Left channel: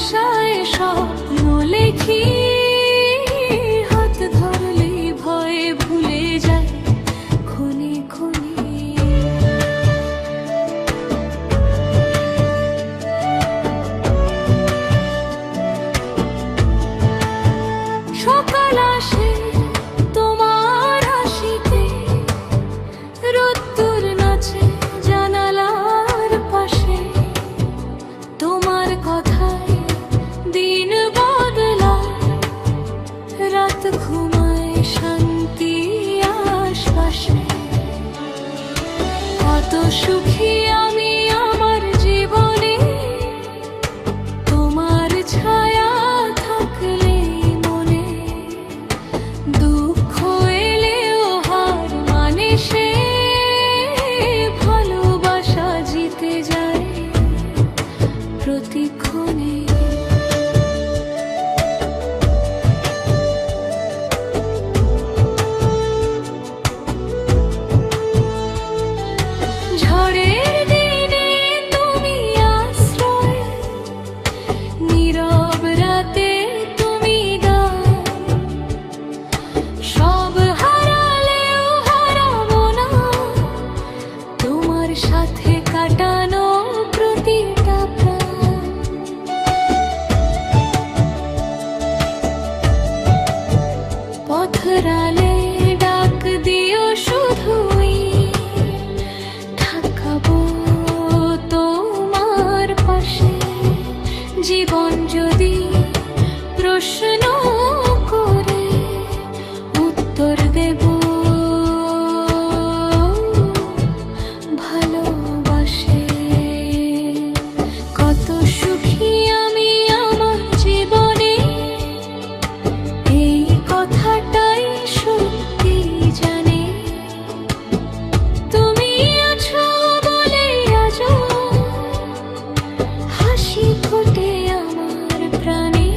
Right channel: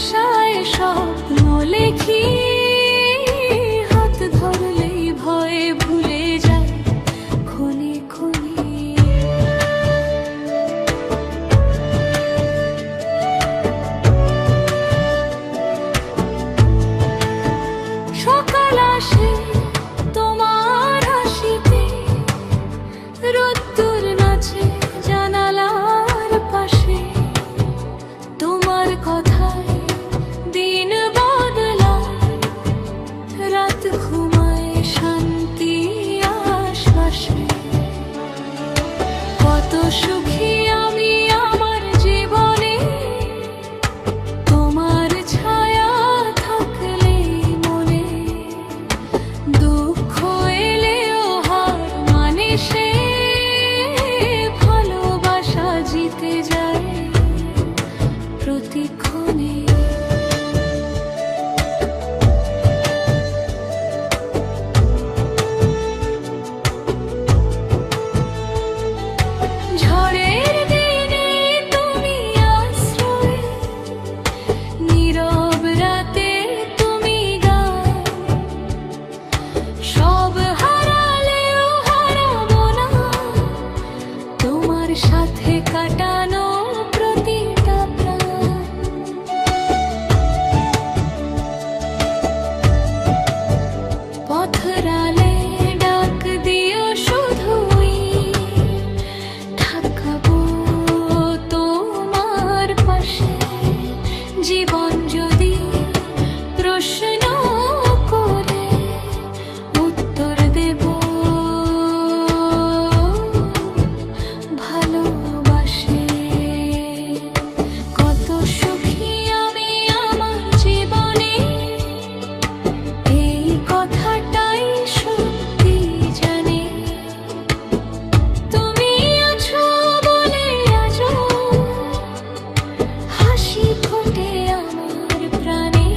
ভাষায় স্বপ্ন লেখি, হাত ধরলেই ভয়ে ভুলে যায় ক্ষণে ক্ষণে। সকাল আসে তোমার হাসিতে, রোদ্দুর নাচে জানালার পাশে, তোমার কথায় দিন বদলায়, রাত ঘুমায় শান্তি আশ্বাসে। কত সুখী আমি আমার জীবনে, তোমার ছায়া থাকলেই মনে। দুঃখ এলেও হার মানে সে, ভালোবাসা জিতে যায় প্রতিক্ষণে। ঝড়ের দিনে তুমি আশ্রয়, নীরব রাতে তুমি গান। সব হারালেও হারাবো না তোমার সাথে কাটানো প্রতিটা প্রাণ। পথরালে ডাক দিও শুধুই, থাকবো তোমার পাশে। জীবন যদি প্রশ্ন করে, উত্তর দেব ভালোবাসে। কত সুখী আমি আমার জীবনে, এই কথাটাই সত্যি জানে। তুমি আছো বলে আজও হাসি ফোটে আমার প্রাণে।